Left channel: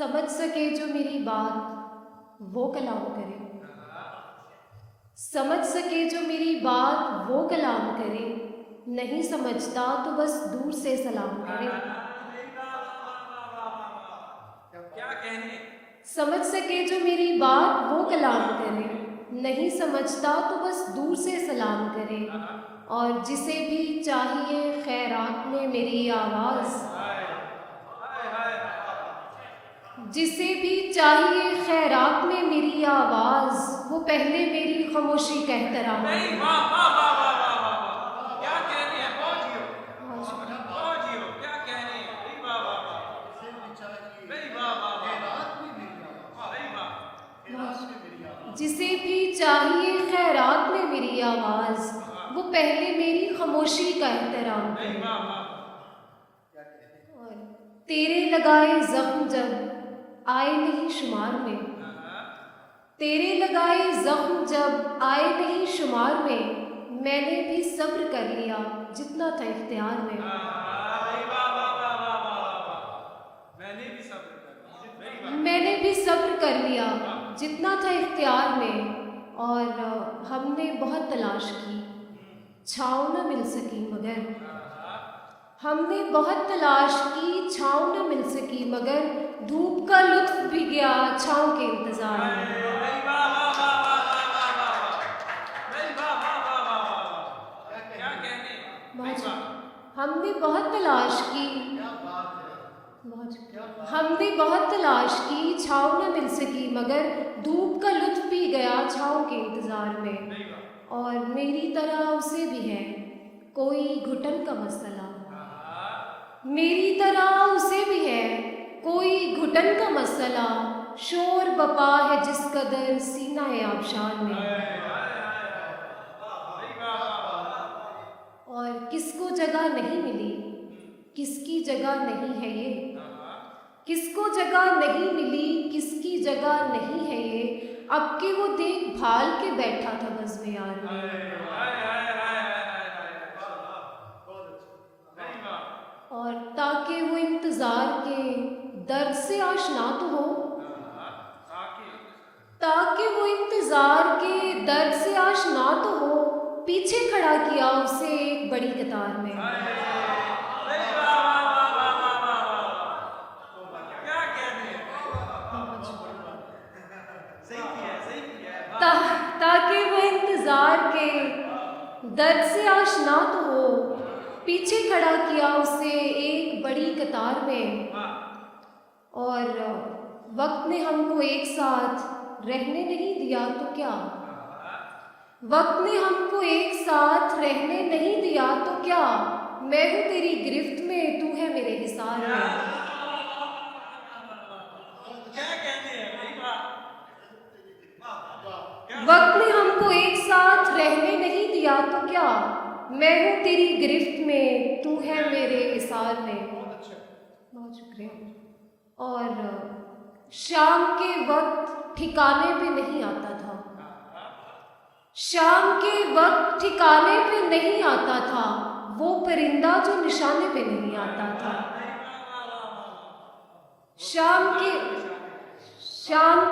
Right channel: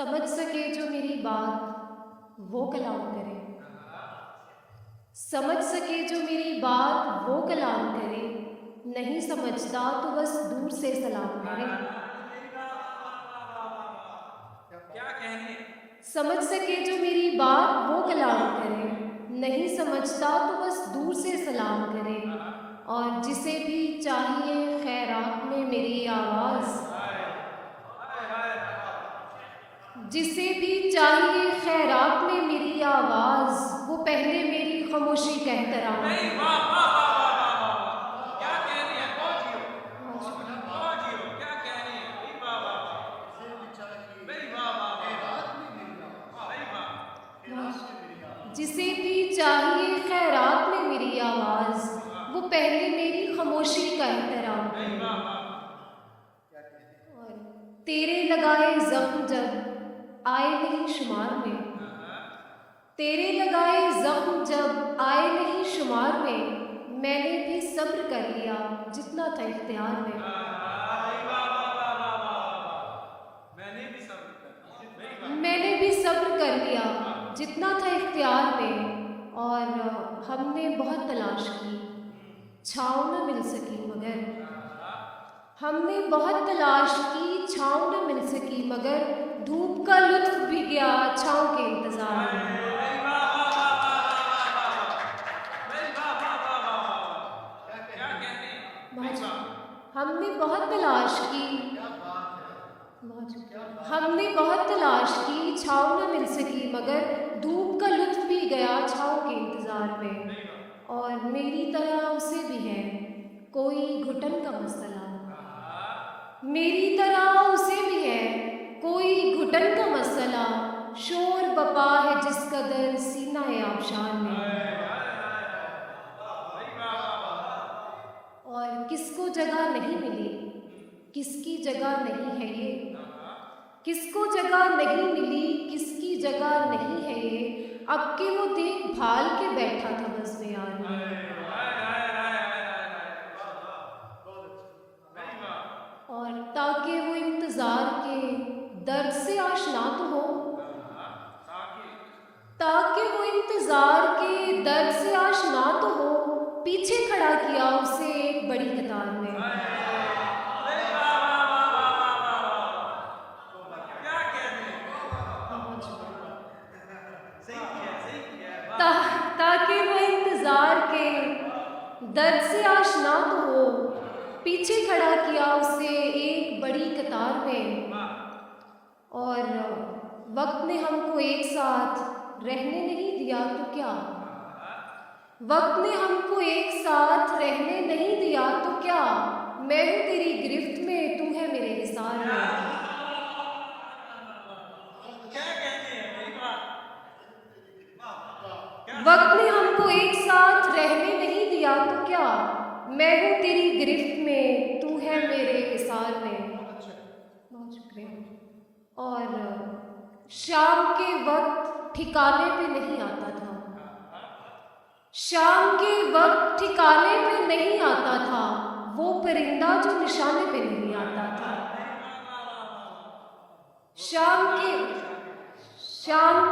समझ सके जो मेरी बात वो कलाम करे। समझ सके जो मेरी बात वो कलाम करे। नहीं समझता तो बस दूर से सलाम करे। क्या कहने। समझ सके जो मेरी बात वो कलाम करे। नहीं समझता तो बस दूर से सलाम करे। और जिसे भी चाहिए खैरात में मेरी आवाज़, जिसे भी चाहिए खैरात में मेरी आवाज़, वो पहले मेरी खामोशी का एहतराम नहीं, करे। वाह वाह वाह वाह वाह वाह वाह, क्या कहने हैं, बहुत जियो, वाह बहुत जियो, क्या कहने हैं, नहीं, वाह वाह वाह, नहीं, वाह वाह वाह, नहीं, वाह, जिसे भी चाहिए खैरात में मेरी आवाज़, वो पहले मेरी खामोशी का एहतराम नहीं, करे। वाह वाह, और तेरे लगाए जख्म जब आए नहीं शुमार में, तेरे लगाए जख्म जब आए नहीं शुमार में, मैंने भी सब्र कर लिया जितना था इख्तियार में। नहीं, वाह वाह वाह वाह वाह वाह, मैंने भी सब्र कर लिया, नहीं, वाह, मैंने भी सब्र कर लिया जितना था इख्तियार में। और हमने बहुत तलाश की, छाँव न मिल सकी मगर, हमने बहुत तलाश की, छाँव न मिल सकी मगर, धूप का लुत्फ भी गया छाँव के इंतजार में। नहीं, वाह वाह वाह वाह वाह वाह वाह, नहीं, वाह वाह वाह वाह वाह, क्या कहने हैं, नहीं, वाह, हमने बहुत तलाश की, हमने बहुत तलाश की, छाँव न मिल सकी मगर, धूप का लुत्फ भी गया छाँव के इंतजार में। नहीं, वाह, और मेरी तरह उसे भी है कोई घुटन का मसला, मेरी तरह उसे भी है कोई घुटन का मसला, शोर बपा है जिस कदर सीना है आबशार में। और किसको जगह नहीं मिली, किसकी जगह नहीं है ये, किसको जगह नहीं मिली, किसकी जगह नहीं है ये, अब के वो देखभाल के बैठा था बज़्म यार में। और ताकि वो इंतजार के दर्द से आशना तो हो, ताकि वो इंतजार के दर्द से आशना तो हो, पीछे खड़ा किया उसे एक बड़ी कतार में। ताकि वो इंतजार के दर्द से आशना तो हो, पीछे खड़ा किया उसे एक बड़ी कतार में। और वक्त ने हमको एक साथ रहने नहीं दिया तो क्या, वक्त ने हमको एक साथ रहने नहीं दिया तो क्या, मैं हूँ तेरी गिरफ्त में तू है मेरे हिसार में। वक्त ने हमको एक साथ रहने नहीं दिया तो क्या, मैं हूँ तेरी गिरफ्त में तू है मेरे हिसार में। बहुत शुक्रिया। और शाम के वक्त ठिकाने पे नहीं आता था, शाम के वक्त ठिकाने पे नहीं आता था, वो परिंदा जो निशाने पे नहीं आता था। शाम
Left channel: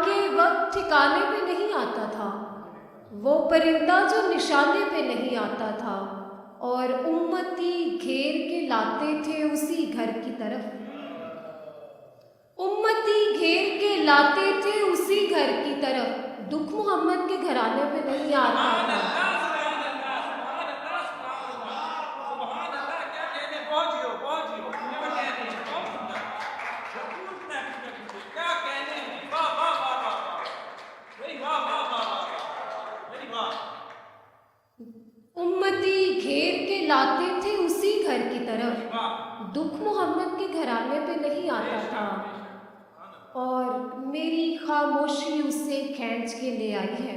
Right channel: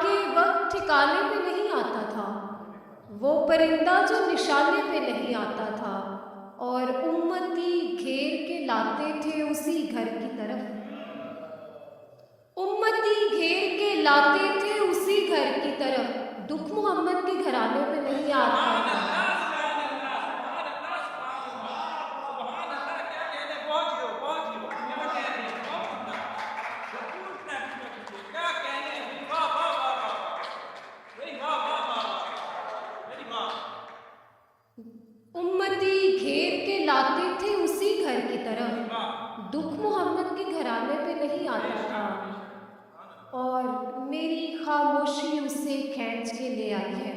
के वक्त ठिकाने पे नहीं आता था, वो परिंदा जो निशाने पे नहीं आता था। और उम्मती घेर के लाते थे उसी घर की तरफ, उम्मती घेर के लाते थे उसी घर की तरफ, दुख मोहम्मद के घराने पे नहीं आता था। उम्मती घेर के लाते थे उसी घर की तरफ, दुख मोहम्मद के घराने पे नहीं आता था। और मेरी खामोशी उसे खींच के ले आई है,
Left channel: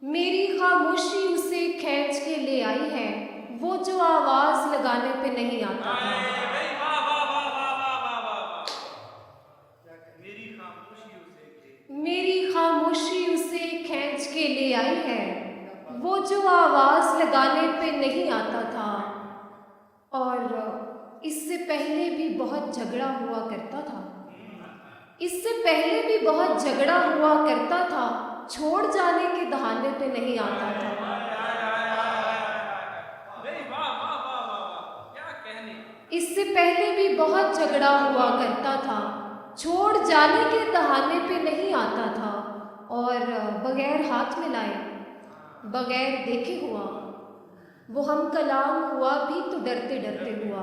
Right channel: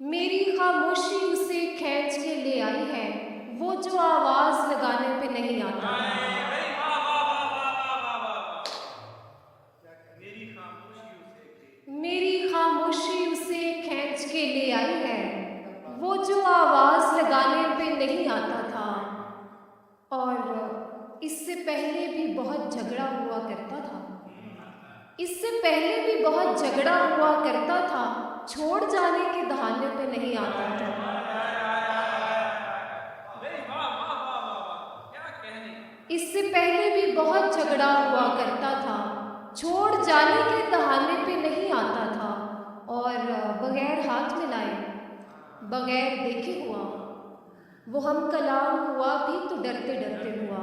मेरी खामोशी उसे खींच के ले आई है, वो जो आवाज लगाने पे नहीं आता था। मेरी खामोशी उसे खींच के ले आई है, वो जो आवाज लगाने पे नहीं आता था। और इससे पहले भी बहुत झगड़ा हुआ करता था, इससे पहले भी बहुत झगड़ा हुआ करता था, छोड़ जाने के बहाने पे नहीं आता था। नहीं, वाह वाह वाह वाह वाह, क्या कहने। इससे पहले भी बहुत झगड़ा हुआ करता था, छोड़ जाने के बहाने पे नहीं आता था, और बगैर हाथ मिलाए, बगैर देखे हुआ, वो हम कलाम हुआ भी तो डरते डरते हुआ,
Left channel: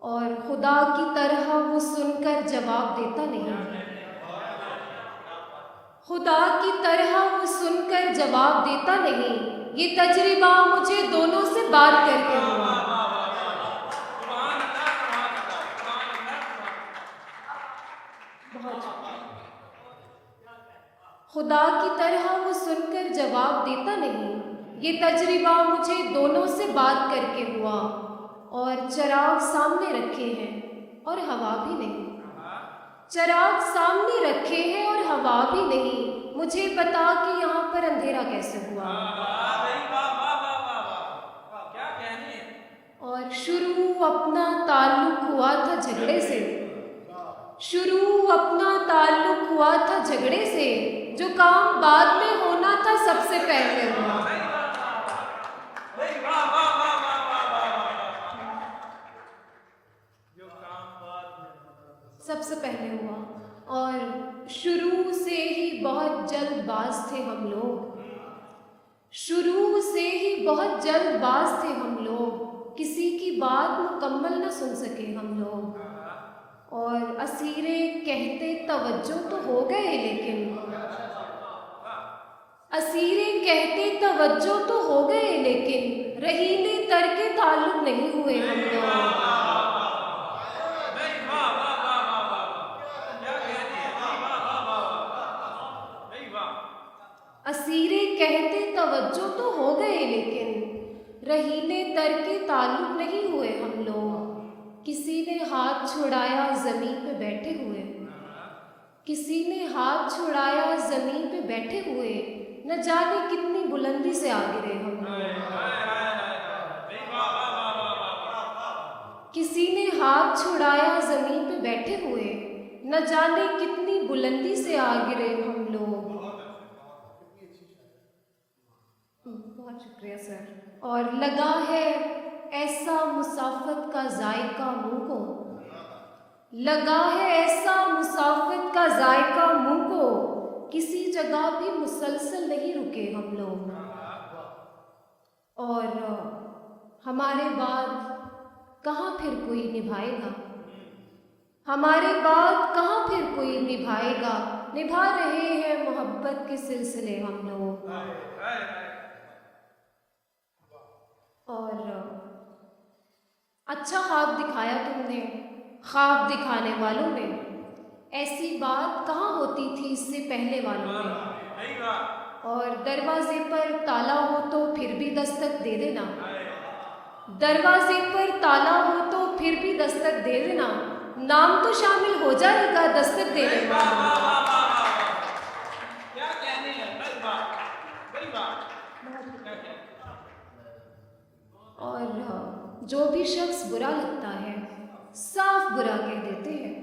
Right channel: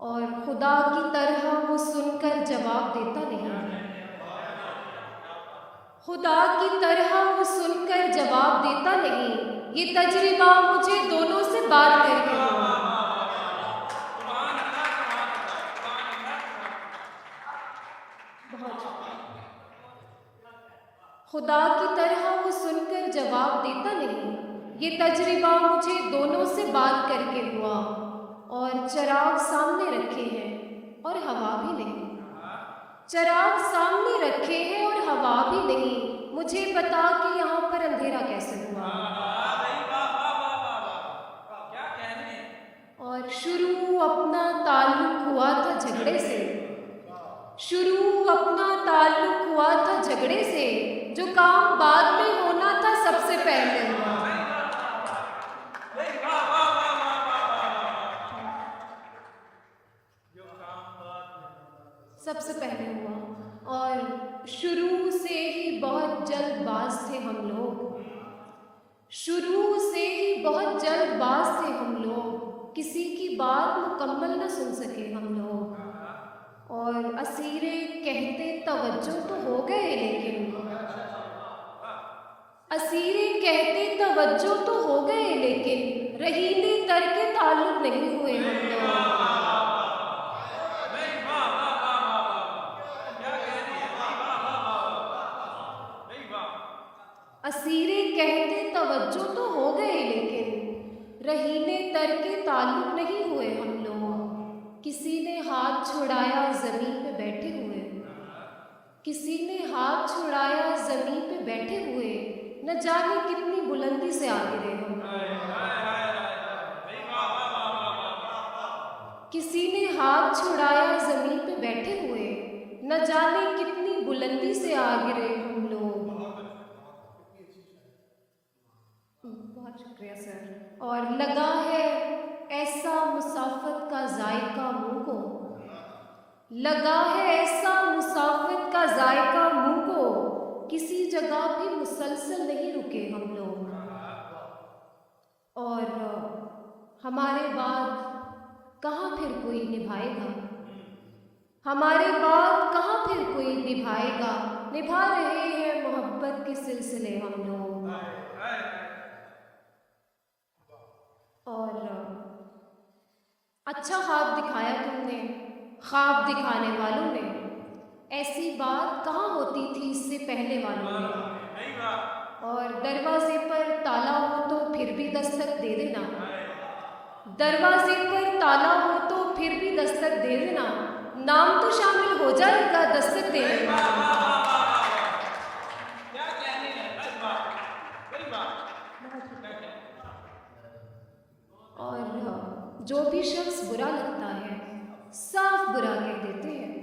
और खुदा की तरह वो सुनकर जवाब देता नहीं। खुदा की तरह वो सुनकर जवाब देता नहीं। ये तजर्बा मुझे दोनों से बात करके हुआ। बहुत खुदा की तरह वो सुनकर जवाब देता नहीं। ये तजर्बा मुझे दोनों से बात करके हुआ, और चिराग सामने रखे हैं और हवा भी नहीं। चिराग सामने रखे हैं और हवा भी नहीं। मुझे बता कि यहाँ पर अंधेरा कैसे हुआ। क्या कहने। और शुरू अपना ताल्लुक हुआ था झगड़े से, शुरू अपना ताल्लुक हुआ था झगड़े से, जो काम बाद में होना था सबसे पहले हुआ। सबसे पहले हुआ। और शुरू से ही बहुत जल्दबाज थे हम लोग, शुरू से ही बहुत जल्दबाज थे हम लोग, किसी की बात मुकम्मल न सुन सके हम लोग। और असीरे कहते तवज्जो तो हो गए, लेकिन असीरे कहते तवज्जो तो हो गए, लेकिन रहीने तर के ताल्लुक नहीं हुए हम लोग। असीरे कहते तवज्जो तो हो गए, लेकिन रहीने तर के ताल्लुक नहीं हुए हम लोग। किसी ने हाथ छुड़ाया जमीन पे बैठे हुए, किसी ने हाथ छुड़ाया जमीन पे बैठे हुए, न जाने कितनी बुलंदी से आ गिरे हम लोग। किसी ने हाथ छुड़ाया जमीन पे बैठे हुए, न जाने कितनी बुलंदी से आ गिरे हम लोग। बहुत शुक्रिया सर। और लगा है ऐसा मुसाफत का जायका मुंह को, लगा है ऐसा मुसाफिर का जायका मुंह को, किसी जगह भी मुसलसल नहीं रुके हम लोग। और हमारे बाद कहाँ फिर कोई निभाएगा, हमारे बाद कहाँ फिर कोई निभाएगा। निभा रहे हैं मोहब्बत के सिलसिले हम लोग। और अच्छा ख्वाब दिखाया तुमने, ख्वाब दिखाने वालों ने, ऐसी बात कहाँ होती थी इससे पहले वालों में। और दरवाजे पर ताला हो तो फिर भी दस्तक दे देना, दरवाजे पर ताला हो तो फिर भी दस्तक दे देना, नाम तो शामिल हो जाएगा दस्तक देने वाला। और जो भी शख्स बुरा लगता है साफ बुरा कह देते हैं,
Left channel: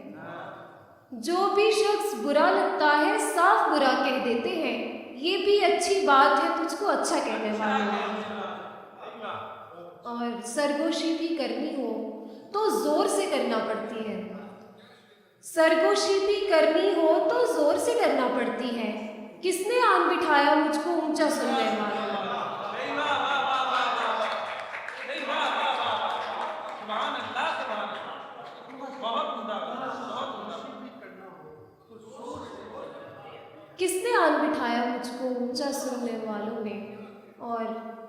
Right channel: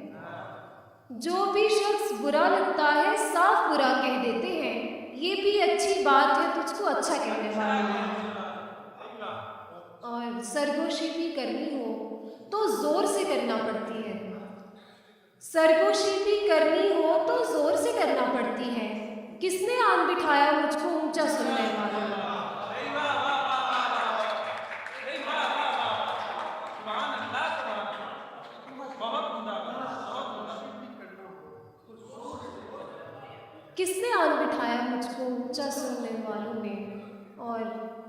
जो भी शख्स बुरा लगता है साफ बुरा कह देते हैं। ये भी अच्छी बात है तुझको अच्छा कहने वाला। और सरगोशी भी करनी हो तो जोर से करना पड़ती है, सरगोशी भी करनी हो तो जोर से करना पड़ती है। किसने आन बिठाया मुझको ऊंचा सुनने वाला। किसने आन बिठाया मुझको ऊंचा सुनने वालों ने। और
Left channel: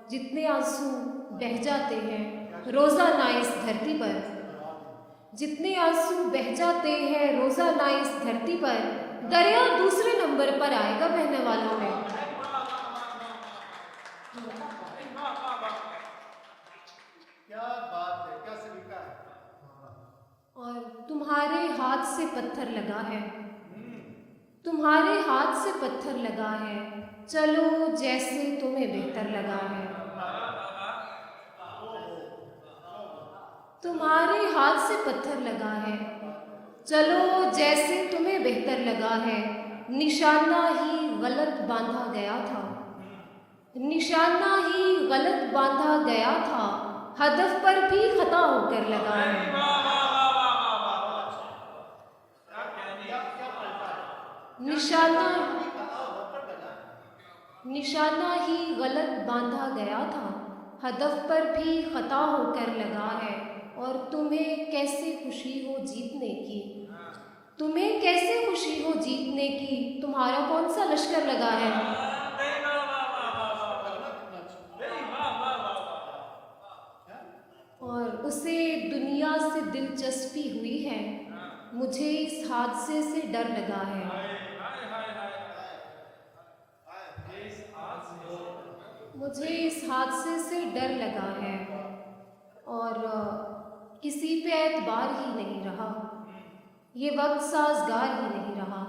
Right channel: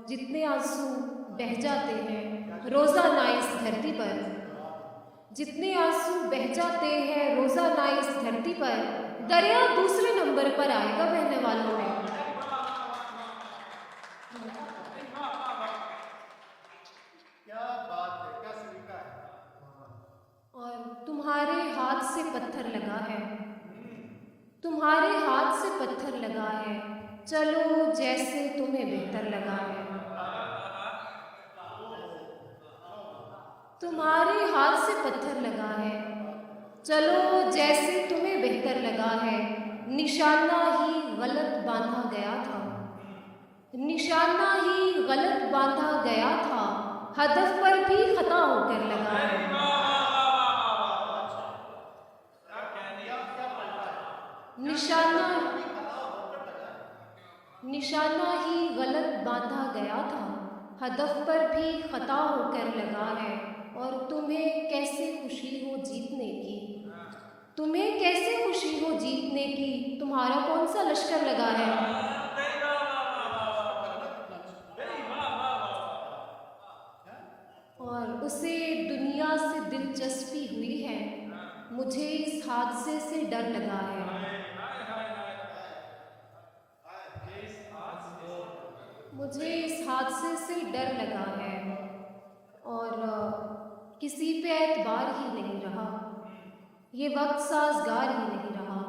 जितने आंसू बह जाते हैं रोजाना इस धरती पर, जितने आंसू बह जाते हैं रोजाना इस धरती पर, दरिया दूसरे नंबर पर आएगा बहने वालों में। क्या बात है, क्या सलीका है। और तुम्हारे हाथ से पत्थर लगा है, तुम्हारे हाथ से पत्थर लगा है, चलो जैसे तुम्हें बेहतर लगा है। तुम्हारे हाथ से पत्थर लगा है, चलो जैसे तुम्हें बेहतर कर लगा है, निशाना ही गलत बांधा गया था, निशाना ही गलत बांधा गया था, हदफ पर भी खता होकर लगा है। अरे वाह वाह वाह वाह वाह वाह, क्या कहने हैं? निशाना कहा होकर लगा निशाना ही गलत बांधा गया था, हदफ पर भी खता होकर लगा है। और तुम्हें कैसे खुशी हो जीतने की, तुम्हें कैसे खुशी हो जीतने की, तुम्हारा कौन सा लश्कर लगा है। अरे वाह वाह वाह वाह वाह, अरे वाह वाह वाह वाह, और उसे दुनिया से दिलचस्पी हुई है, मुझे इस हादसे से डर लगा है। हाय हाय हाय हाय, इस आज से मुझे इस हादसे से डर लगा है और किसी पे एतबार ही नहीं रहा, ये वक्त साजगार ही नहीं रहा।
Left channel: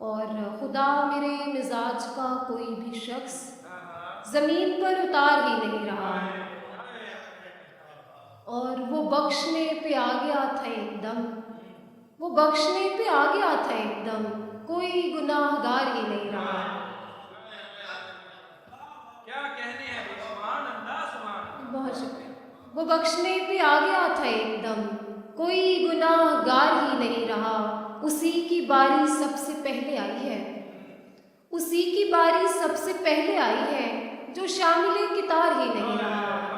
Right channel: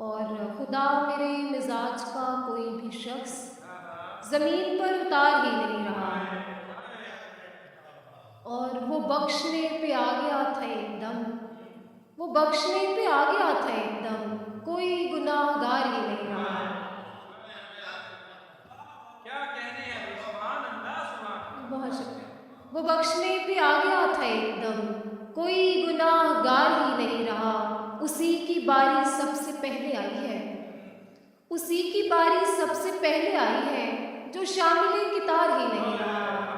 और खुदा मेरे मिजाज का कोई भी शख्स जमीन पर उतार ही नहीं रहा, और वो बख्शने पे आ गया था एकदम, वो बख्शने पे आ गया था एकदम, कोई गुनाहगार ही नहीं रहा। क्या कहने हैं? सुभान अल्लाह, सुभान अल्लाह। बहुत शुक्रिया। वो बख्शने पे आ गया था एकदम, कोई गुनाहगार ही नहीं रहा। उसी की बारी सबसे पहले आई है, उसी की बारी सबसे पहले आई है, जो शामिल कितार ही नहीं रहा।